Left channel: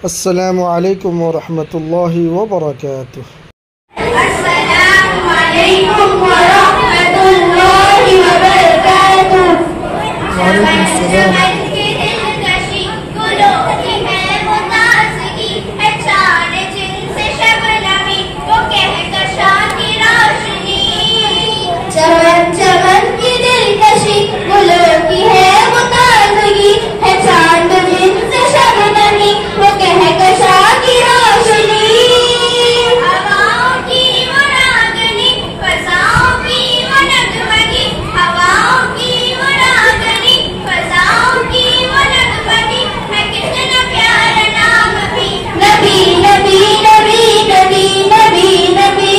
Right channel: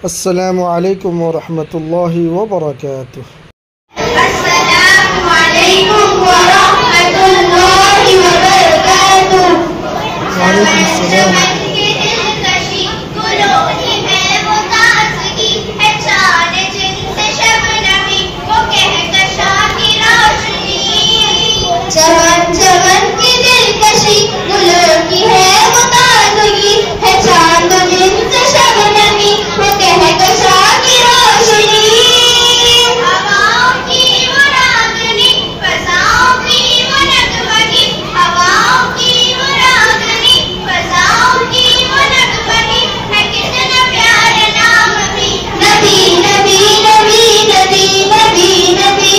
अस्सलामु अलैकुम व रहमतुल्लाहि व बरकातुहू। अस्सलामु अलैकुम व रहमतुल्लाहि व बरकातुहू। वालेकुम सलाम। चमन चमन की दिलकशी गुलों की है वो ताज़गी है, चांद जिनसे शबनमी वो कहकशा की रोशनी। हवाओं की वो रागनी फज़ाओं की वो नगमगी, हवाओं की वो रागनी फज़ाओं की वो नगमगी, है कितना प्यारा नाम भी नबी नबी नबी नबी नबी नबी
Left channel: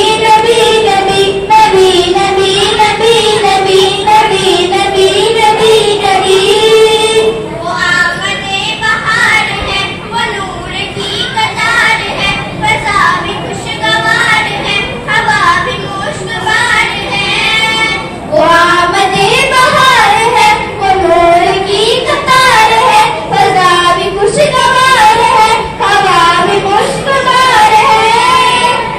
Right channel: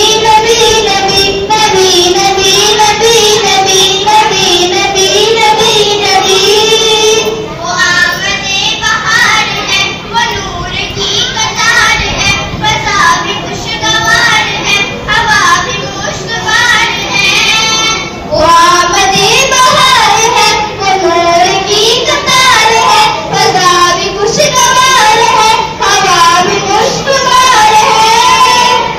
नबी नबी नबी नबी नबी नबी नबी नबी नबी नबी। वो आमदे बहार है, वो नूर की कतार है, फज़ा भी खुशगवार है, हवा भी मुश्कबार है। वो आमदे बहार है, वो नूर की कतार है, फज़ा भी खुशगवार है, हवा भी मुश्कबार है।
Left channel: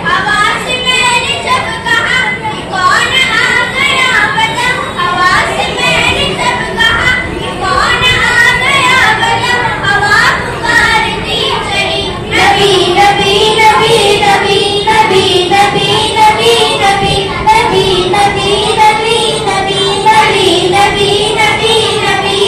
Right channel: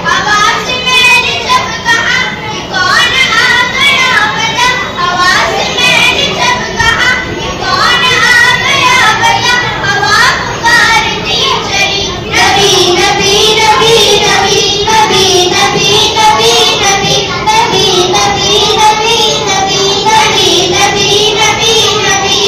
हवा से मैंने जब कहा कि कौन आ गया बता, हवा से मैंने जब कहा कि कौन आ गया बता, हवा पुकारती चली नबी नबी नबी नबी नबी नबी नबी नबी नबी नबी नबी नबी नबी नबी नबी नबी।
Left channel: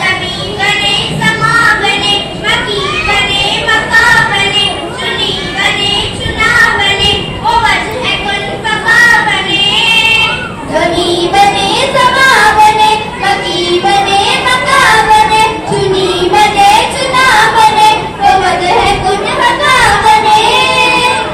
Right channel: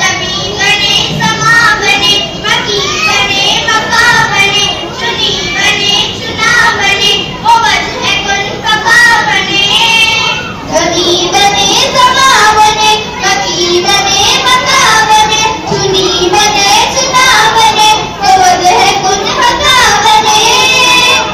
सभी बने समा बने, मकी बने मका बने, चुनी बने चुना बने, वो वजह कुल फका बने। धनी बने समा बने, मकी बने मका बने, चुनी बने चुना बने, वो वजह कुल फका बने।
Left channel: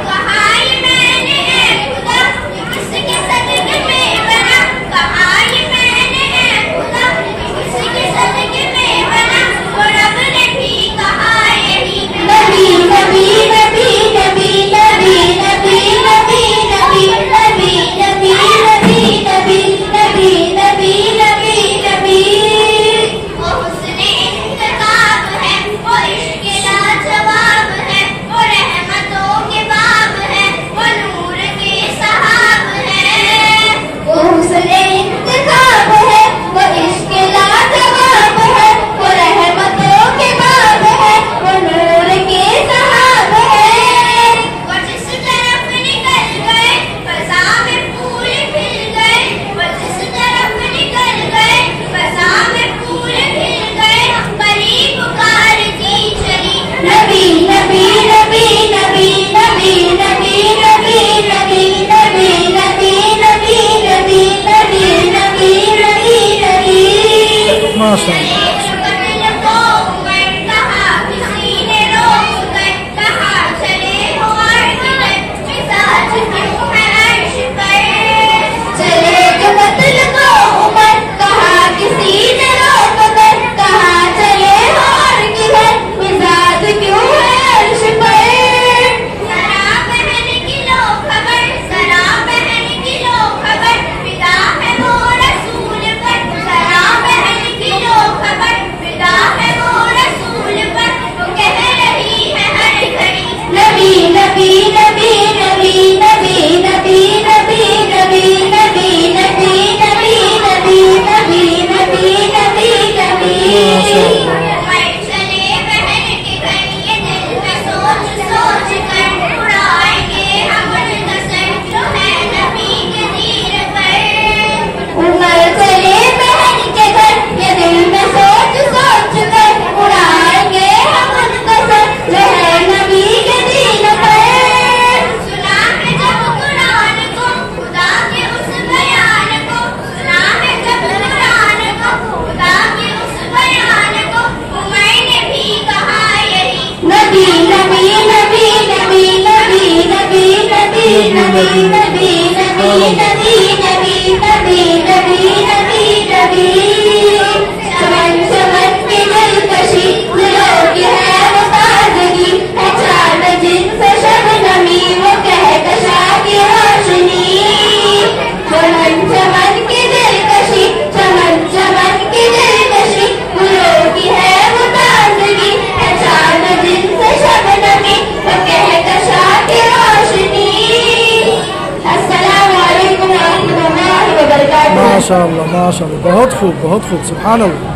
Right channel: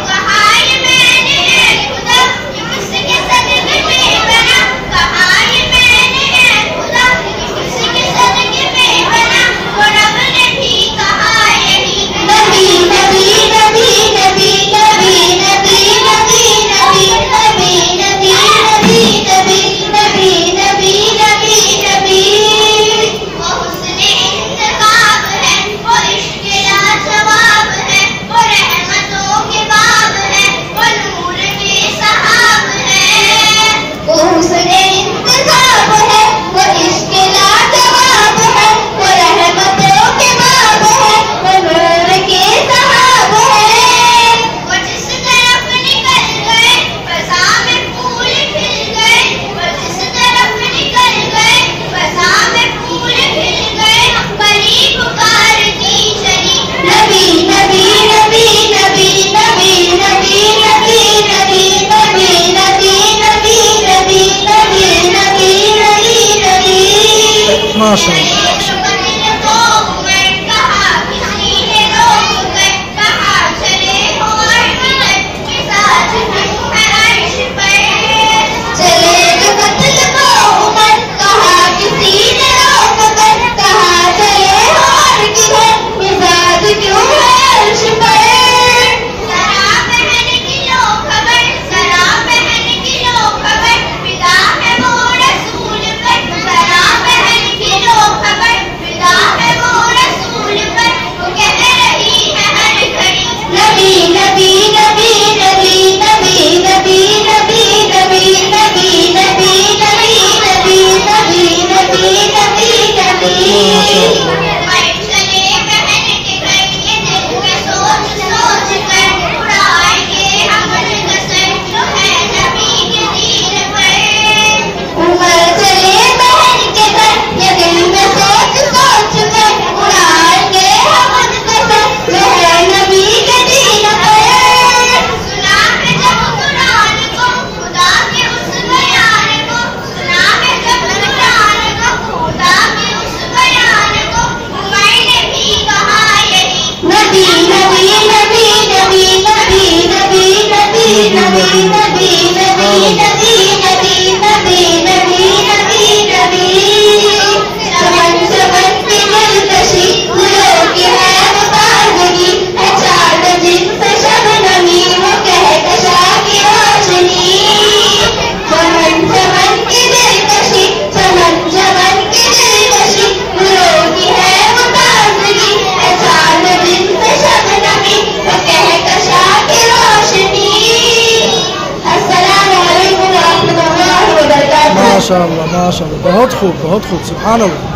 कहा ये मैंने है खुदा कि किसके सदके में बना, कहा ये मैंने है खुदा कि किसके सदके में बना, वो रब ने भी कहा यही नबी नबी नबी नबी नबी नबी नबी नबी नबी नबी नबी नबी नबी नबी नबी नबी। वो हुस्ने इंतखाब है, वो इश्क़ लाजवाब है, वो रहमतों के बाब है, वो नूर के सहाब है। वो हुस्ने इंतखाब है, वो इश्क़ लाजवाब है, वो रहमतों के बाब है, वो नूर के सहाब है। वो जिस तरफ निकल गए फ़ज़ा में फूल खिल गए, वो जिस तरफ निकल गए फ़ज़ा में फूल खिल गए, परी पुकारती चली नबी नबी नबी नबी नबी नबी नबी नबी नबी नबी नबी नबी नबी नबी नबी नबी। माशाअल्लाह। कहा किसी ने रोक गए, कहा चले हो अर्श पर, मिजाज क्यों है अर्श पर। चले जो कत्ल को उमर, कहा किसी ने रोक कर, कहा चले हो अर्श पर, मिजाज क्यों है अर्श पर। जरा बहन की लो खबर, जरा बहन की लो खबर, फिदा है वो रसूल पर, जरा बहन की लो खबर, फिदा है वो रसूल पर, वो कह रही है हर घड़ी नबी नबी नबी नबी नबी नबी नबी नबी नबी नबी नबी नबी नबी नबी नबी नबी। माशाअल्लाह। चले बहन के घर ये दिल में सोच सोच कर, उड़ाएंगे हम उनका सर जो है नबी के दीन पर। उमर चले बहन के घर ये दिल में सोच सोच कर, उड़ाएंगे हम उनका सर जो है नबी के दीन पर। सुना है जब कुरान को खुदा के उस बयान को, सुना है जब कुरान को खुदा के उस बयान को, उमर ने भी कहा यही नबी नबी नबी नबी नबी नबी नबी नबी नबी नबी नबी नबी नबी नबी नबी नबी। चमन चमन की दिलकशी गुलों की है वो ताज़गी है, चांद जिनसे शबनमी वो कहकशा की रोशनी। चमन चमन की दिलकशी, चमन चमन की दिलकशी गुलों की है वो ताज़गी है, चांद जिनसे माशाअल्लाह, बहुत खूब, सुभान अल्लाह।